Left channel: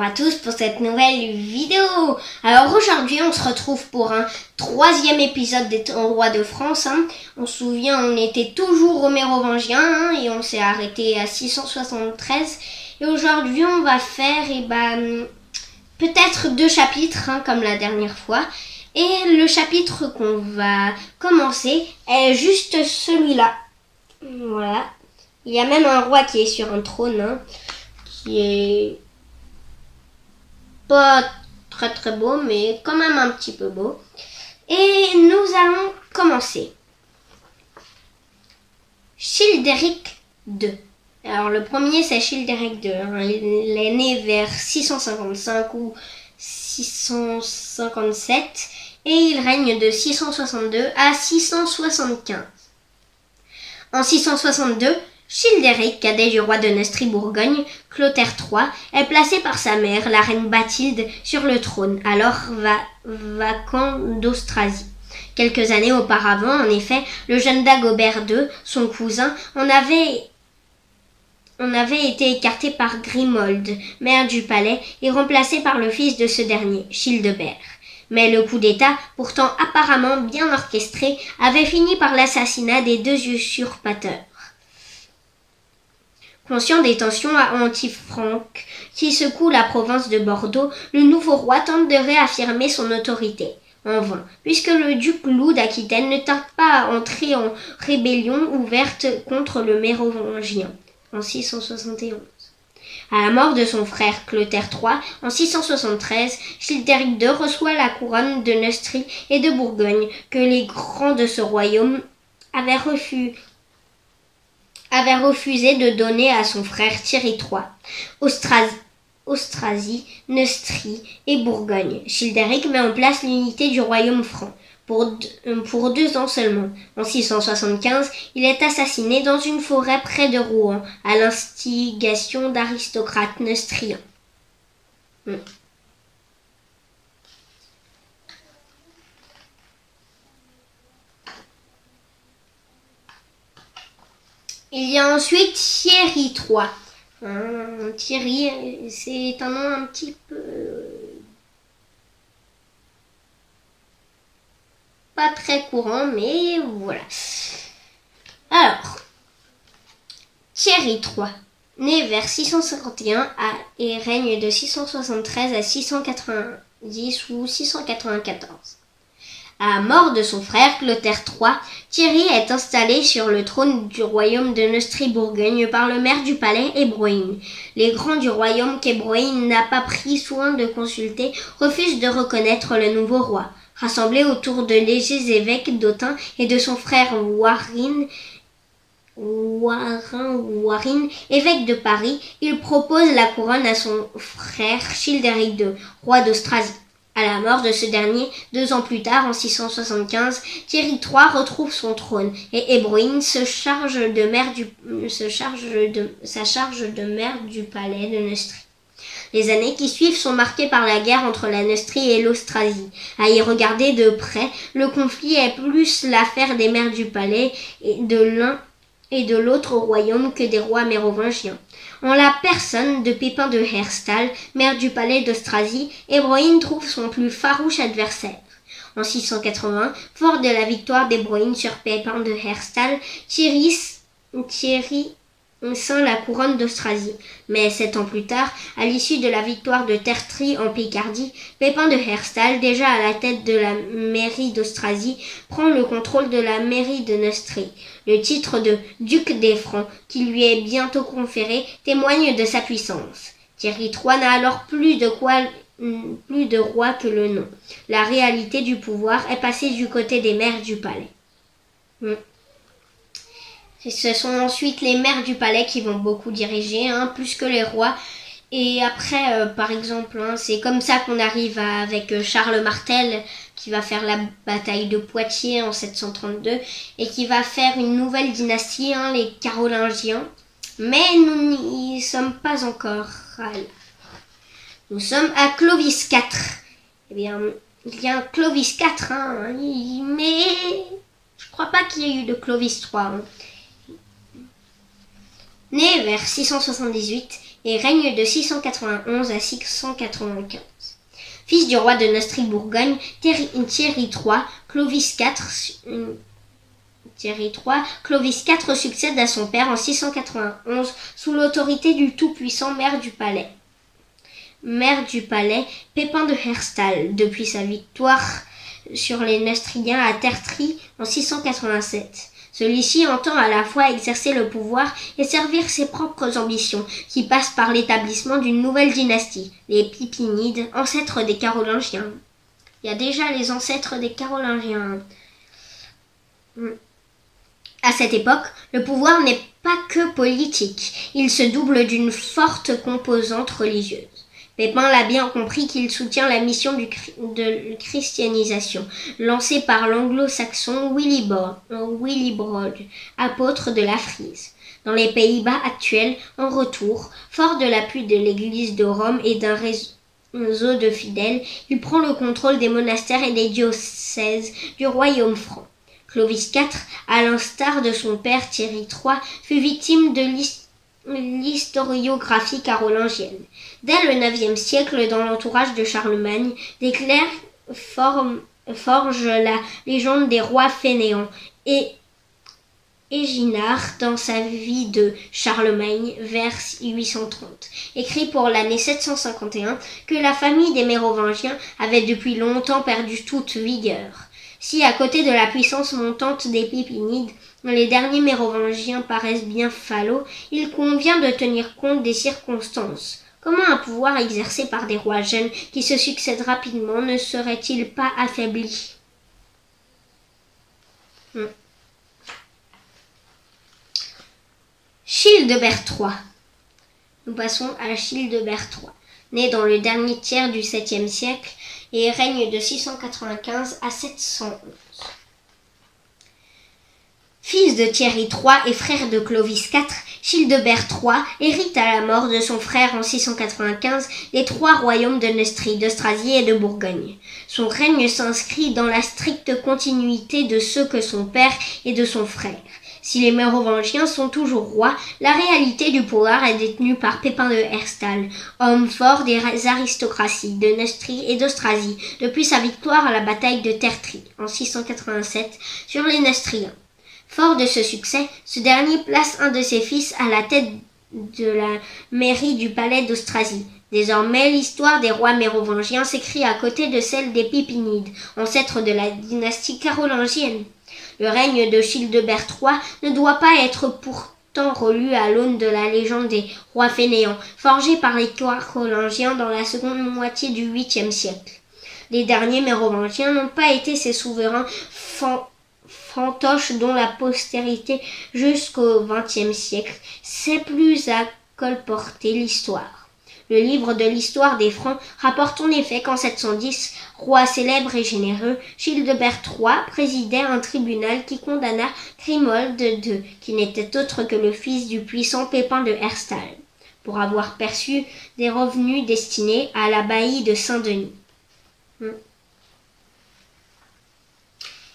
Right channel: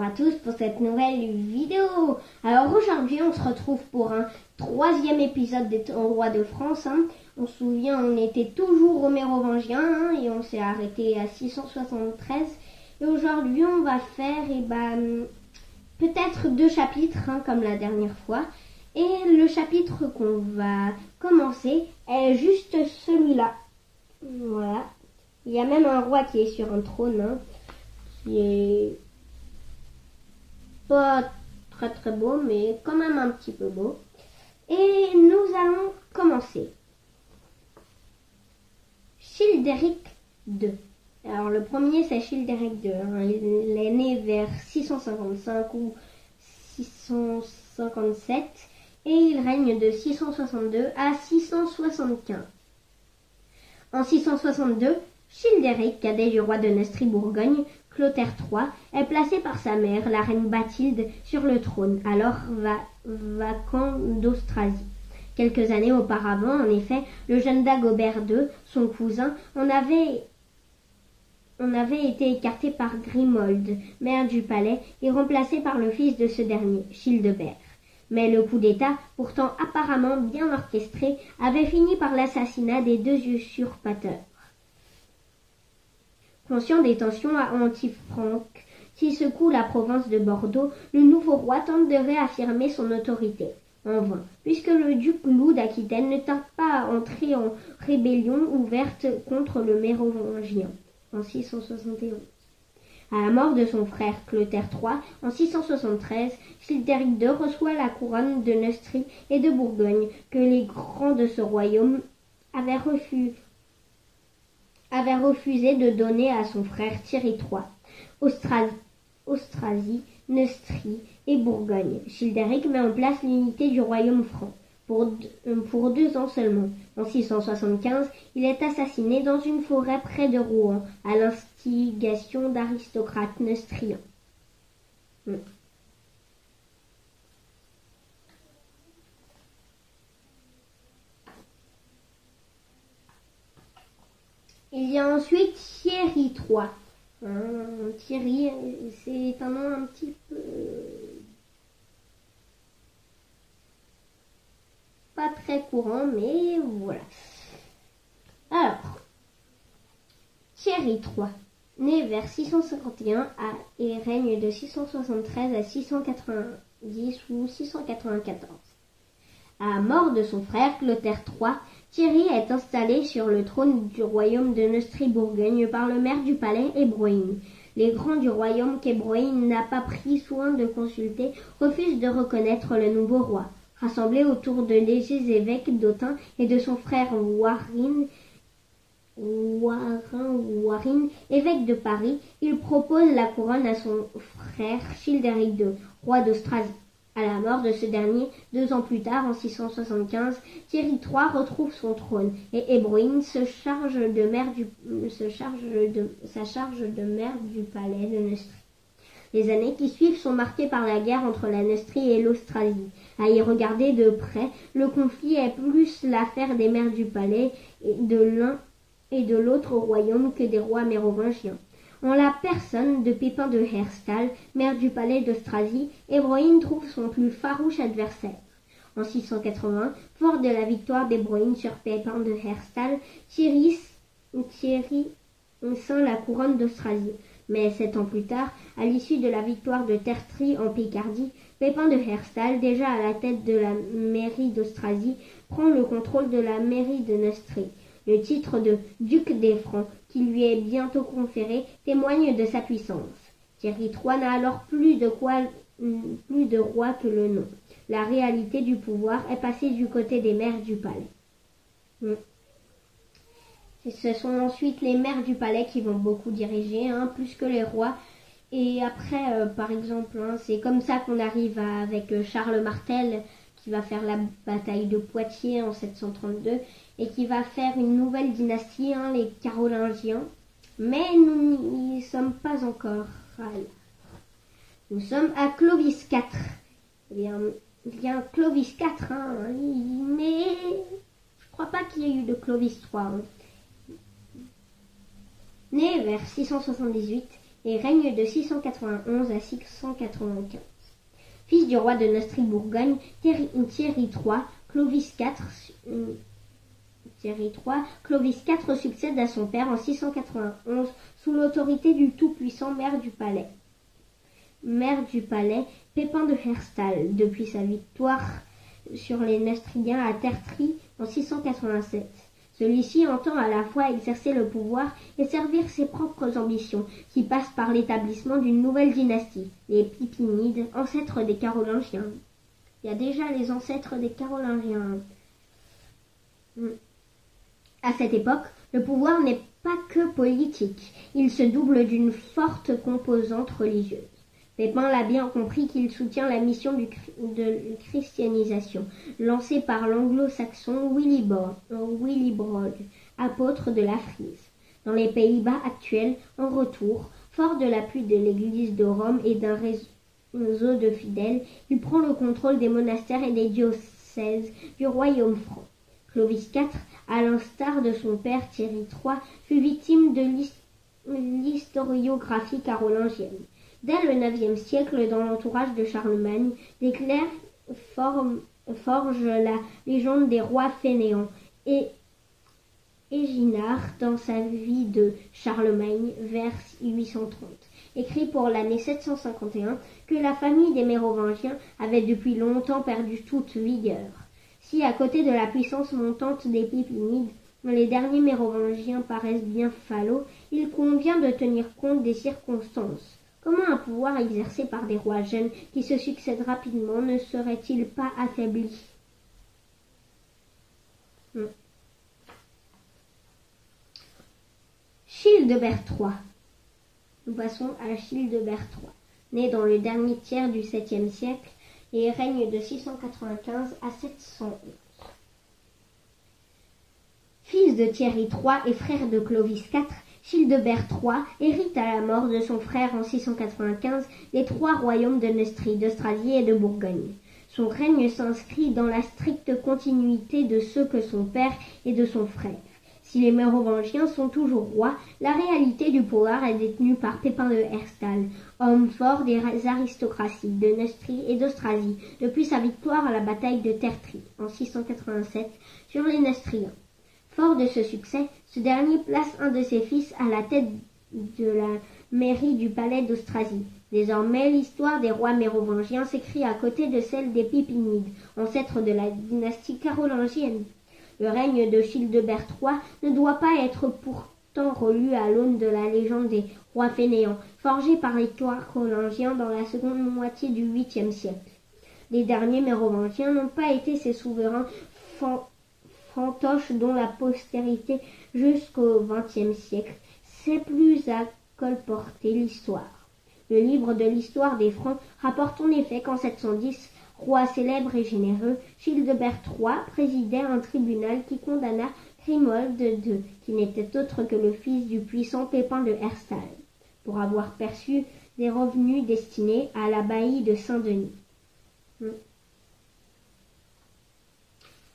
Bonjour à tous pour cette nouvelle vidéo. Alors aujourd'hui on se retrouve pour un 3e épisode des rois de France. On se souvient, on était toujours aux Mérovingiens et on s'est arrêté à 673. Et aujourd'hui on va faire peut-être 2 chapitres comme la dernière fois. Et le chapitre qu'on va commencer est juste celui-là. Voilà. Il y a même un roi qui est sur un trône qui est pas très beau, mais quand même un petit peu beau. Et nous allons commencer. Childéric II. Alors le premier c'est Childéric II. Il est né vers 655 ou 657 et il règne de 662 à 675. En 662, Childéric, cadet du roi de Neustrie-Bourgogne, Clotaire III, est placé par sa mère, la reine Bathilde, sur le trône, alors vacant d'Austrasie. Quelques années auparavant, en effet, le jeune Dagobert II, son cousin, en avait été écarté par Grimoald, maire du palais, et remplacé par le fils de ce dernier, Childebert. Mais le coup d'État, pourtant apparemment bien orchestré, avait fini par l'assassinat des 2 usurpateurs. Conscient des tensions anti-franques qui secouent la province de Bordeaux, le nouveau roi tente de réaffirmer son autorité. En vain, puisque le duc Loup d'Aquitaine ne tarde pas à entrer en rébellion ouverte contre le Mérovingien en 671. À la mort de son frère Clotaire III en 673, Childéric II reçoit la couronne de Neustrie et de Bourgogne que les grands de ce royaume avaient refusé de donner à son frère Thierry III. Austrasie, Neustrie et Bourgogne. Childéric met en place l'unité du royaume franc. Pour 2 ans seulement. En 675, il est assassiné dans une forêt près de Rouen, à l'instigation d'aristocrates neustriens. Il y a ensuite Thierry III. Thierry, c'est un nom un petit peu pas très courant, mais voilà. Alors, Thierry III, né vers 651 et règne de 673 à 690 ou 694. À la mort de son frère Clotaire III, Thierry est installé sur le trône du royaume de Neustrie-Bourgogne par le maire du palais Ebroin. Les grands du royaume qu'Ebroin n'a pas pris soin de consulter refusent de reconnaître le nouveau roi. Rassemblé autour de légers évêques d'Autun et de son frère Warin, évêque de Paris, il propose la couronne à son frère Childéric II, roi d'Austrasie. À la mort de ce dernier, 2 ans plus tard, en 675, Thierry III retrouve son trône et Ebroin sa charge de maire du palais de Neustrie. Les années qui suivent sont marquées par la guerre entre la Neustrie et l'Austrasie. À y regarder de près, le conflit est plus l'affaire des maires du palais et de l'un et de l'autre royaume que des rois mérovingiens. En la personne de Pépin de Herstal, maire du palais d'Austrasie, Ebroin trouve son plus farouche adversaire. En 680, fort de la victoire d'Ebroin sur Pépin de Herstal, Thierry ceint la couronne d'Austrasie. Mais 7 ans plus tard, à l'issue de la victoire de Tertry en Picardie, Pépin de Herstal, déjà à la tête de la mairie d'Austrasie, prend le contrôle de la mairie de Neustrie. Le titre de duc des Francs, qui lui est bientôt conféré, témoigne de sa puissance. Thierry III n'a alors plus de roi que le nom. La réalité du pouvoir est passée du côté des maires du palais. Ce sont ensuite les maires du palais qui vont beaucoup diriger, plus que les rois. Et après, par exemple, c'est comme ça qu'on arrive avec Charles Martel, qui va faire la bataille de Poitiers en 732, et qui va faire une nouvelle dynastie, les Carolingiens. Mais nous n'y sommes pas encore. Nous sommes à Clovis IV. Eh bien, il y a un Clovis IV, mais je crois pas qu'il y ait eu de Clovis III. Né vers 678, et règne de 691 à 695. Fils du roi de Neustrie-Bourgogne, Thierry III, Clovis IV succède à son père en 691 sous l'autorité du tout-puissant maire du palais, Pépin de Herstal, depuis sa victoire sur les Neustriens à Tertry en 687. Celui-ci entend à la fois exercer le pouvoir et servir ses propres ambitions, qui passent par l'établissement d'une nouvelle dynastie, les Pipinides, ancêtres des Carolingiens. Il y a déjà les ancêtres des Carolingiens. À cette époque, le pouvoir n'est pas que politique, il se double d'une forte composante religieuse. Pépin l'a bien compris qu'il soutient la mission de christianisation, lancée par l'anglo-saxon Willibrord, apôtre de la Frise. Dans les Pays-Bas actuels, en retour, fort de l'appui de l'Église de Rome et d'un réseau de fidèles, il prend le contrôle des monastères et des diocèses du royaume franc. Clovis IV, à l'instar de son père Thierry III, fut victime de l'historiographie carolingienne. Dès le IXe siècle, dans l'entourage de Charlemagne, des clercs forgent la légende des rois fainéants et Éginard, dans sa vie de Charlemagne, vers 830, écrit pour l'année 751 que la famille des Mérovingiens avait depuis longtemps perdu toute vigueur. Si, à côté de la puissance montante des Pipinides, les derniers Mérovingiens paraissent bien falots, il convient de tenir compte des circonstances. Comment un pouvoir exercé par des rois jeunes qui se succèdent rapidement ne serait-il pas affaibli ? Childebert III. Nous passons à Childebert III, né dans le dernier tiers du 7e siècle et règne de 695 à 711. Fils de Thierry III et frère de Clovis IV, Childebert III hérite à la mort de son frère en 695 les 3 royaumes de Neustrie, d'Austrasie et de Bourgogne. Son règne s'inscrit dans la stricte continuité de ceux que son père et de son frère. Si les Mérovingiens sont toujours rois, la réalité du pouvoir est détenue par Pépin de Herstal, homme fort des aristocraties de Neustrie et d'Austrasie, depuis sa victoire à la bataille de Tertry en 687 sur les Neustriens. Fort de ce succès, ce dernier place un de ses fils à la tête de la mairie du palais d'Austrasie. Désormais, l'histoire des rois mérovingiens s'écrit à côté de celle des Pipinides, ancêtres de la dynastie carolingienne. Le règne de Childebert III ne doit pas être pourtant relu à l'aune de la légende des rois fainéants, forgée par les Carolingiens dans la seconde moitié du 8e siècle. Les derniers Mérovingiens n'ont pas été ces souverains fantoches dont la postérité jusqu'au XXe siècle sait plus à colporter l'histoire. Le livre de l'histoire des Francs rapporte en effet qu'en 710, roi célèbre et généreux, Childebert III présidait un tribunal qui condamna Grimoald II, qui n'était autre que le fils du puissant Pépin de Herstal, pour avoir perçu des revenus destinés à l'abbaye de Saint-Denis.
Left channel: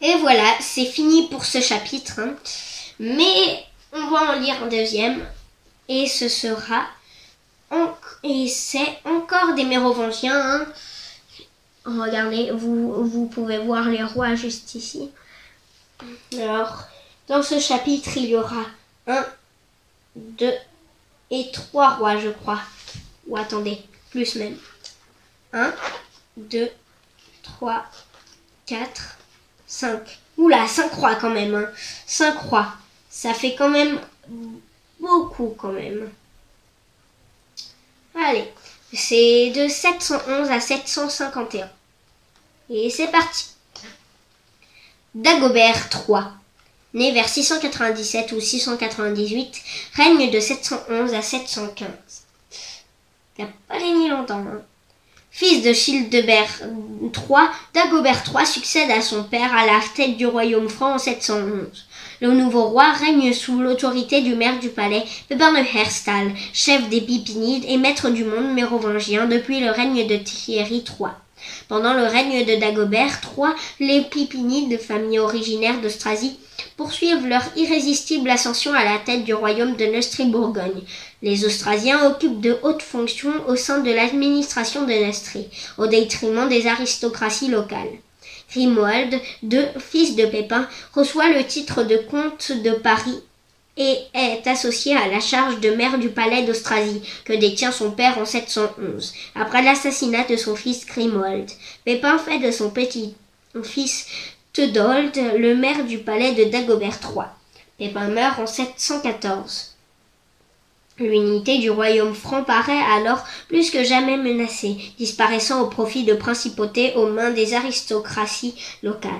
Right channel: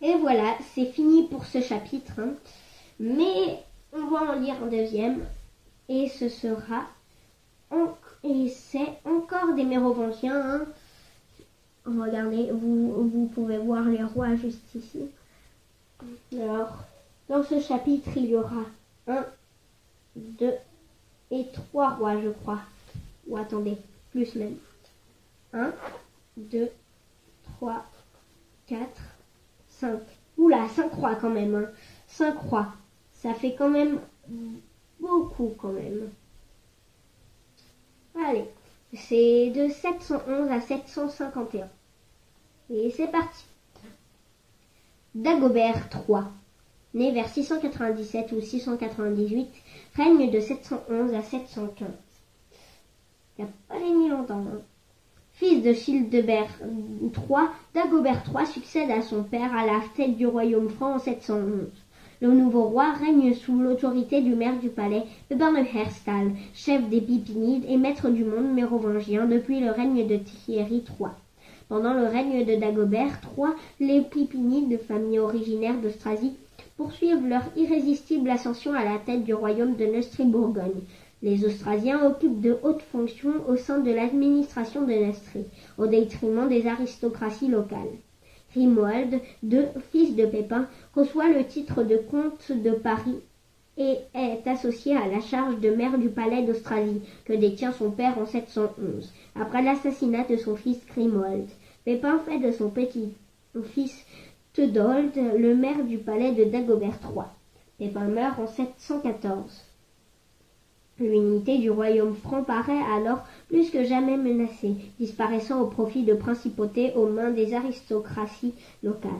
Et voilà, c'est fini pour ce chapitre. Mais on va en lire un deuxième. Et ce sera... Et c'est encore des Mérovingiens. Regardez, vous pouvez voir les rois juste ici. Alors, dans ce chapitre, il y aura 1, 2 et 3 rois, je crois. Ou attendez, plus même. 1, 2, 3, 4, 5. Oula, 5 rois quand même. 5 rois. Ça fait quand même beaucoup quand même. Allez, c'est de 711 à 751. Et c'est parti. Dagobert III, né vers 697 ou 698, règne de 711 à 715. Il n'a pas régné longtemps. Fils de Childebert III, Dagobert III succède à son père à la tête du royaume franc en 711. Le nouveau roi règne sous l'autorité du maire du palais, Pépin de Herstal, chef des Pipinides et maître du monde mérovingien depuis le règne de Thierry III. Pendant le règne de Dagobert III, les Pipinides, famille originaire d'Austrasie, poursuivent leur irrésistible ascension à la tête du royaume de Neustrie-Bourgogne. Les Austrasiens occupent de hautes fonctions au sein de l'administration de Neustrie, au détriment des aristocraties locales. Grimoald II, fils de Pépin, reçoit le titre de comte de Paris et est associé à la charge de maire du palais d'Austrasie, que détient son père en 711, après l'assassinat de son fils Grimoald. Pépin fait de son petit-fils Theudoald le maire du palais de Dagobert III. Pépin meurt en 714. L'unité du royaume franc paraît alors plus que jamais menacée, disparaissant au profit de principautés aux mains des aristocraties locales.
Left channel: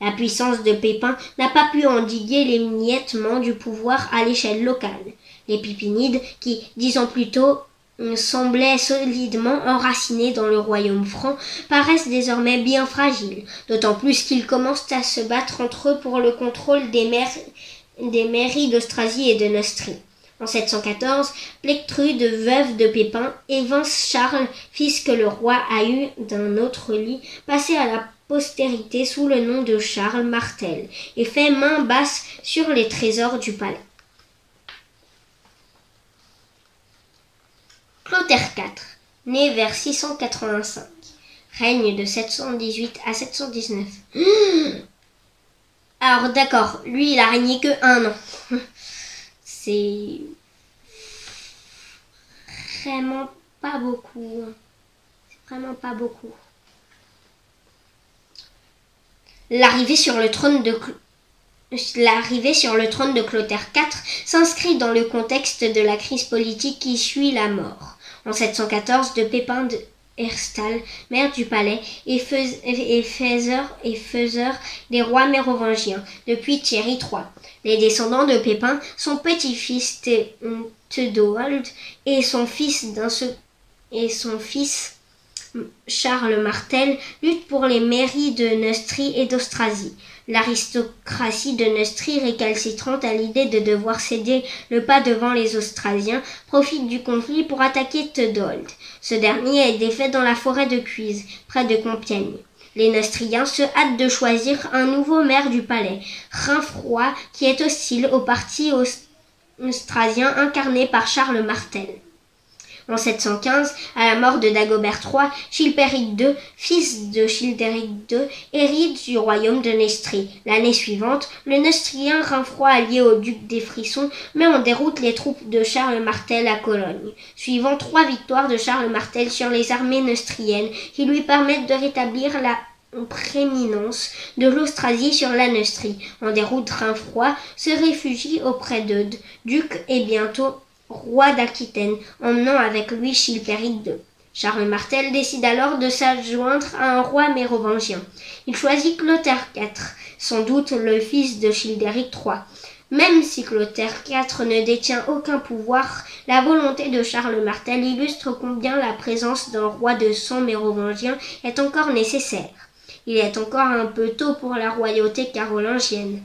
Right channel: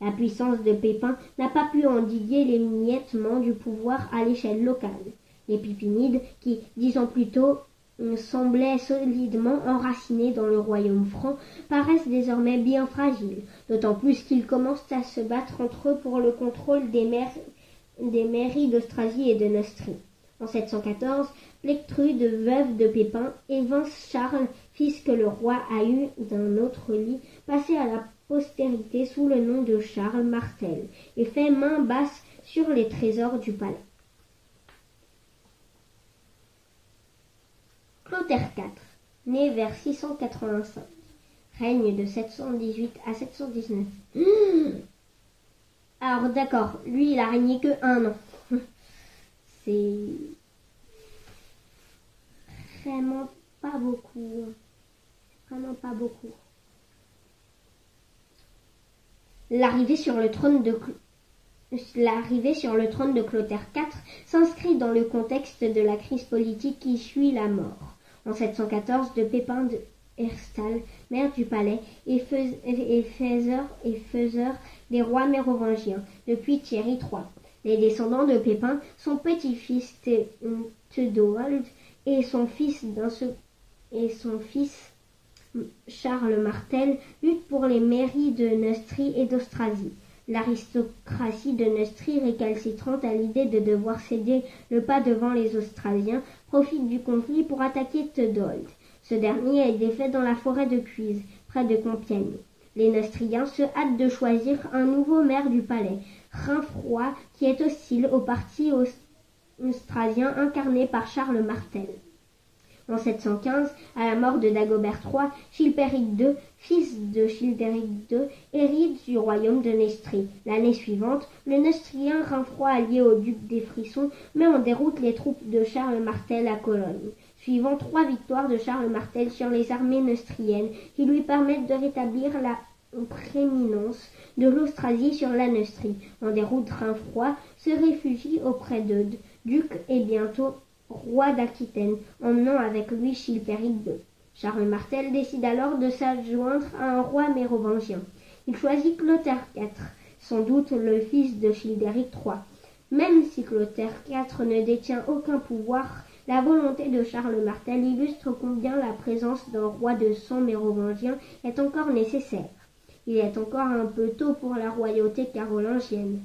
La puissance de Pépin n'a pas pu endiguer l'émiettement du pouvoir à l'échelle locale. Les Pipinides, qui, 10 ans plus tôt, semblaient solidement enracinés dans le royaume franc, paraissent désormais bien fragiles, d'autant plus qu'ils commencent à se battre entre eux pour le contrôle des mairies d'Austrasie et de Neustrie. En 714, Plectrude, veuve de Pépin, évince Charles, fils que le roi a eu d'un autre lit, passé à la postérité sous le nom de Charles Martel, et fait main basse sur les trésors du palais. Clotaire IV, né vers 685, règne de 718 à 719. Alors d'accord, lui il a régné que 1 an. C'est vraiment pas beaucoup. C'est vraiment pas beaucoup. L'arrivée sur le trône de Clotaire IV s'inscrit dans le contexte de la crise politique qui suit la mort, en 714, de Pépin de Herstal, maire du palais et faiseur des rois mérovingiens, depuis Thierry III. Les descendants de Pépin, son petit-fils Theudoald et son fils Charles Martel luttent pour les mairies de Neustrie et d'Austrasie. L'aristocratie de Neustrie, récalcitrante à l'idée de devoir céder le pas devant les Austrasiens, profite du conflit pour attaquer Theudoald. Ce dernier est défait dans la forêt de Cuise, près de Compiègne. Les Neustriens se hâtent de choisir un nouveau maire du palais, Rainfroid, qui est hostile au parti austrasien incarné par Charles Martel. En 715, à la mort de Dagobert III, Chilpéric II, fils de Childéric II, hérite du royaume de Neustrie. L'année suivante, le Neustrien Rainfroid, allié au duc des Frissons, met en déroute les troupes de Charles Martel à Cologne, suivant 3 victoires de Charles Martel sur les armées neustriennes qui lui permettent de rétablir la prééminence de l'Austrasie sur la Neustrie. En déroute, Rainfroid se réfugie auprès d'Eudes, duc et bientôt roi d'Aquitaine, emmenant avec lui Chilpéric II. Charles Martel décide alors de s'adjoindre à un roi mérovingien. Il choisit Clotaire IV, sans doute le fils de Childéric III. Même si Clotaire IV ne détient aucun pouvoir, la volonté de Charles Martel illustre combien la présence d'un roi de sang mérovingien est encore nécessaire. Il est encore un peu tôt pour la royauté carolingienne.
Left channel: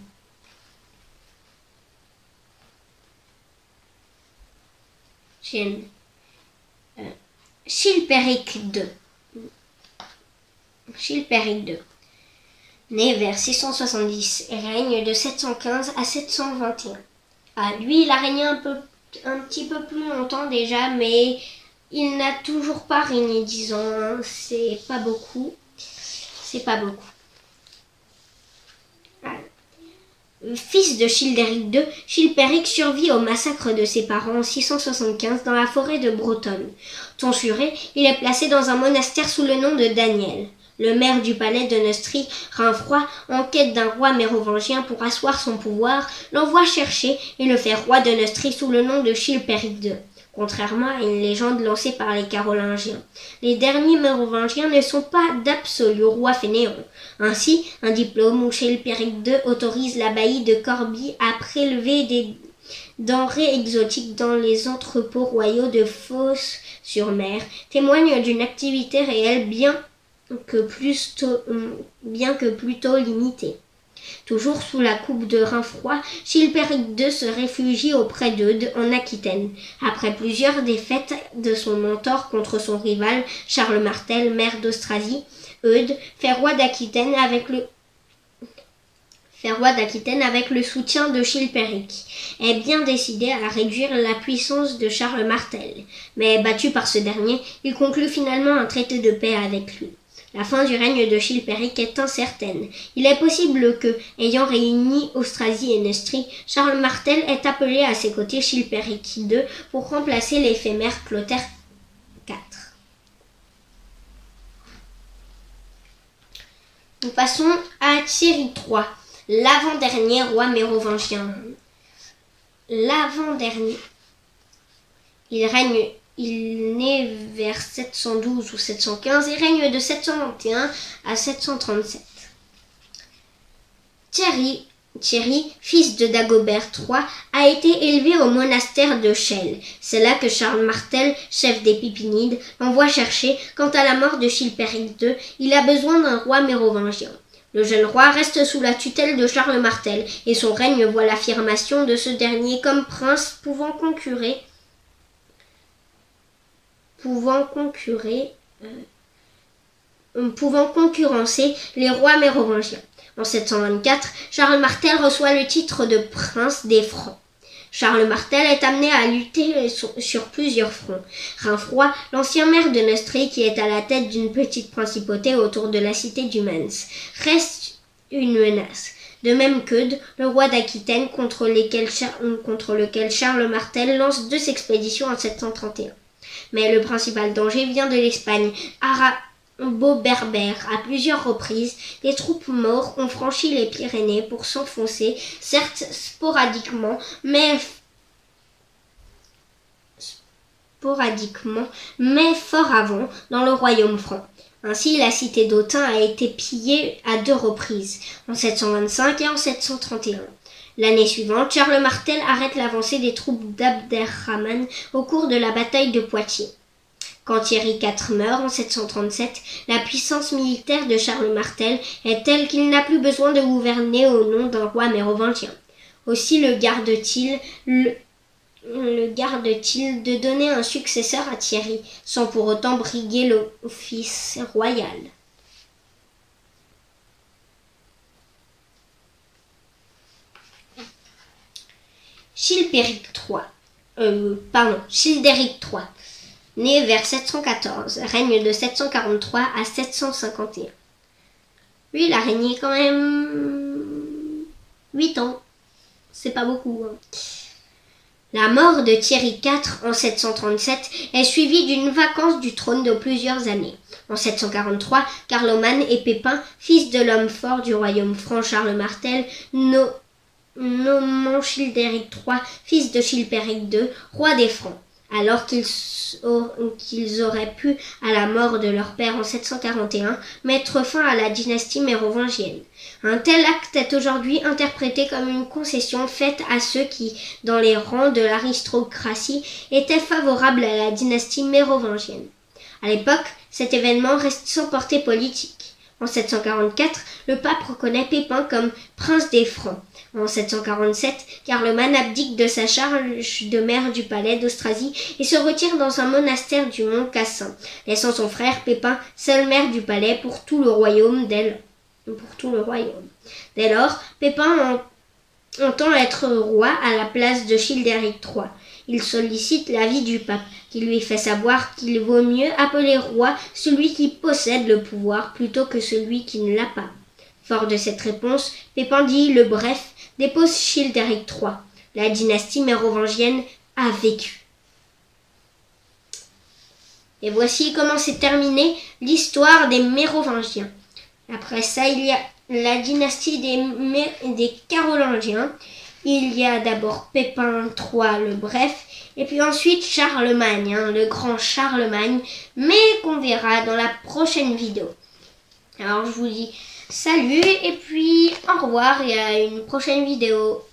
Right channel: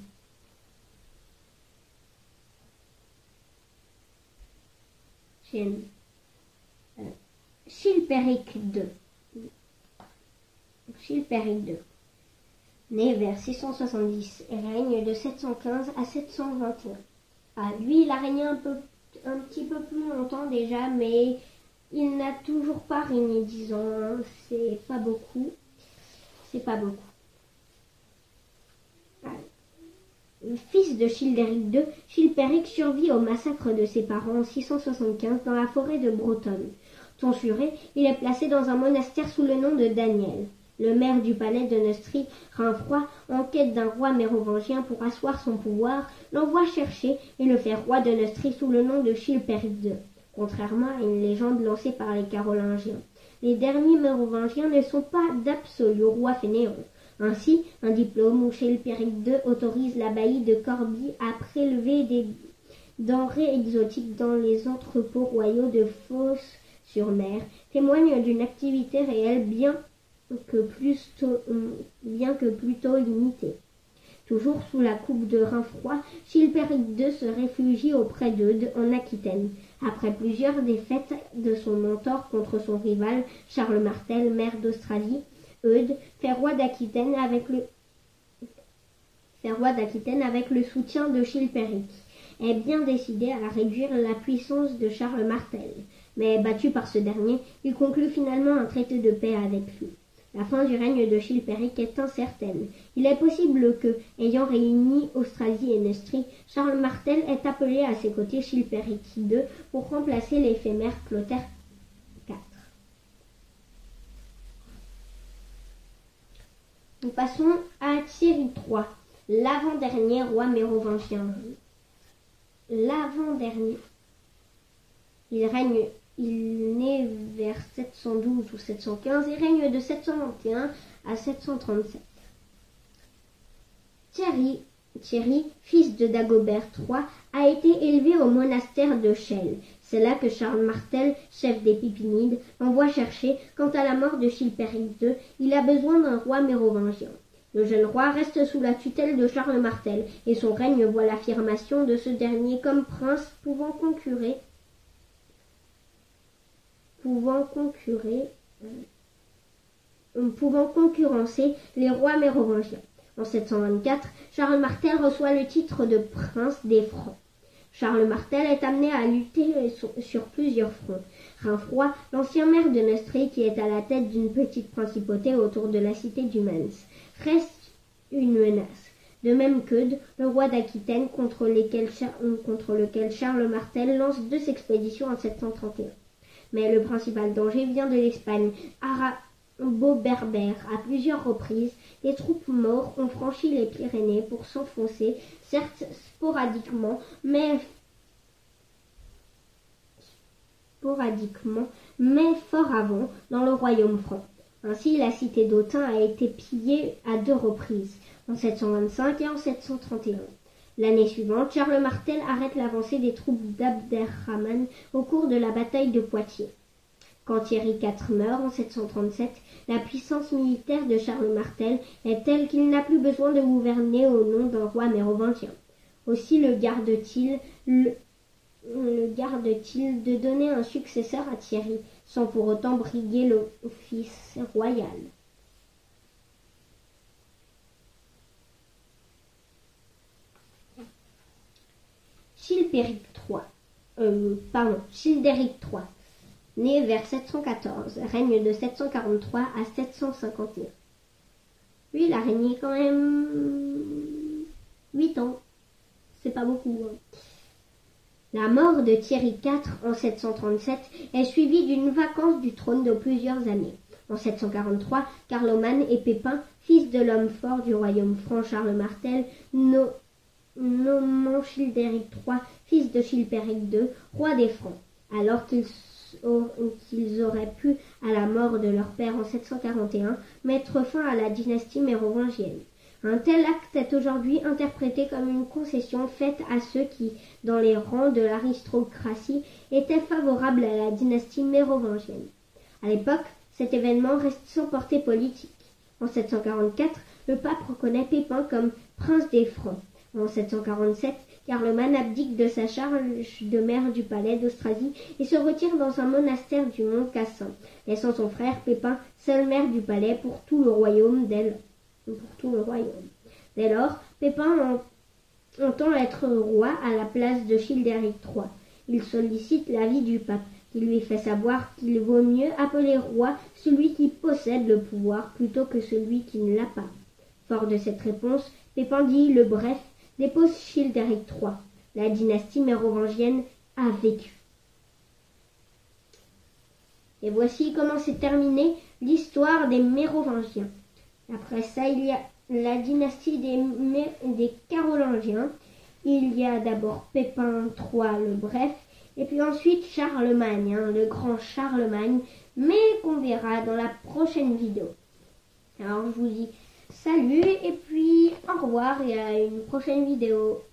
Chilpéric II. Né vers 670 et règne de 715 à 721. Lui, il a régné un petit peu plus longtemps déjà, mais il n'a toujours pas régné 10 ans. C'est pas beaucoup. Fils de Childéric II, Chilpéric survit au massacre de ses parents en 675 dans la forêt de Brotonne. Tonsuré, il est placé dans un monastère sous le nom de Daniel. Le maire du palais de Neustrie, Rainfroid, en quête d'un roi mérovingien pour asseoir son pouvoir, l'envoie chercher et le fait roi de Neustrie sous le nom de Chilpéric II. Contrairement à une légende lancée par les Carolingiens, les derniers mérovingiens ne sont pas d'absolus rois fainéants. Ainsi, un diplôme où Chilpéric II autorise l'abbaye de Corbie à prélever des denrées exotiques dans les entrepôts royaux de Fos-sur-Mer témoigne d'une activité réelle bien que plutôt limitée. Toujours sous la coupe de Rainfroid, Chilpéric II se réfugie auprès d'Eudes en Aquitaine. Après plusieurs défaites de son mentor contre son rival Charles Martel, maire d'Austrasie, Eudes fait roi d'Aquitaine avec fait roi d'Aquitaine avec le soutien de Chilpéric, est bien décidé à réduire la puissance de Charles Martel. Mais battu par ce dernier, il conclut finalement un traité de paix avec lui. La fin du règne de Chilpéric est incertaine. Il est possible que, ayant réuni Austrasie et Neustrie, Charles Martel ait appelé à ses côtés Chilpéric II pour remplacer l'éphémère Clotaire IV. Nous passons à Thierry III, l'avant-dernier roi mérovingien. L'avant-dernier. Il naît vers 712 ou 715 et règne de 721 à 737. Thierry, fils de Dagobert III, a été élevé au monastère de Chelles. C'est là que Charles Martel, chef des Pipinides, l'envoie chercher. Quant à la mort de Chilpéric II, il a besoin d'un roi mérovingien. Le jeune roi reste sous la tutelle de Charles Martel et son règne voit l'affirmation de ce dernier comme prince pouvant concurrencer les rois mérovingiens. En 724, Charles Martel reçoit le titre de prince des Francs. Charles Martel est amené à lutter sur plusieurs fronts. Rainfroy, l'ancien maire de Neustrie qui est à la tête d'une petite principauté autour de la cité du Mans, reste une menace. De même qu'Eudes, le roi d'Aquitaine contre lequel Charles Martel lance 2 expéditions en 731. Mais le principal danger vient de l'Espagne. Arabo-berbère. À plusieurs reprises, des troupes maures ont franchi les Pyrénées pour s'enfoncer, certes sporadiquement, mais fort avant, dans le royaume franc. Ainsi, la cité d'Autun a été pillée à 2 reprises, en 725 et en 731. L'année suivante, Charles Martel arrête l'avancée des troupes d'Abderrahman au cours de la bataille de Poitiers. Quand Thierry IV meurt en 737, la puissance militaire de Charles Martel est telle qu'il n'a plus besoin de gouverner au nom d'un roi mérovingien. Aussi le garde-t-il de donner un successeur à Thierry, sans pour autant briguer l'office royal. Childéric III, né vers 714, règne de 743 à 751. Lui, il a régné quand même 8 ans. C'est pas beaucoup. La mort de Thierry IV en 737 est suivie d'une vacance du trône de plusieurs années. En 743, Carloman et Pépin, fils de l'homme fort du royaume franc Charles Martel, nommant Childéric III, fils de Chilpéric II, roi des Francs, alors qu'ils auraient pu, à la mort de leur père en 741, mettre fin à la dynastie mérovingienne. Un tel acte est aujourd'hui interprété comme une concession faite à ceux qui, dans les rangs de l'aristocratie, étaient favorables à la dynastie mérovingienne. À l'époque, cet événement reste sans portée politique. En 744, le pape reconnaît Pépin comme prince des Francs. En 747, Carloman abdique de sa charge de maire du palais d'Austrasie et se retire dans un monastère du mont Cassin, laissant son frère Pépin seul maire du palais pour tout le royaume. Dès lors, Pépin entend être roi à la place de Childéric III. Il sollicite l'avis du pape, qui lui fait savoir qu'il vaut mieux appeler roi celui qui possède le pouvoir plutôt que celui qui ne l'a pas. Fort de cette réponse, Pépin dit le bref, dépose Childéric III. La dynastie mérovingienne a vécu. Et voici comment s'est terminée l'histoire des Mérovingiens. Après ça, il y a la dynastie des Carolingiens. Il y a d'abord Pépin III le Bref, et puis ensuite Charlemagne, le grand Charlemagne, mais qu'on verra dans la prochaine vidéo. Alors je vous dis salut et puis au revoir et à une prochaine vidéo.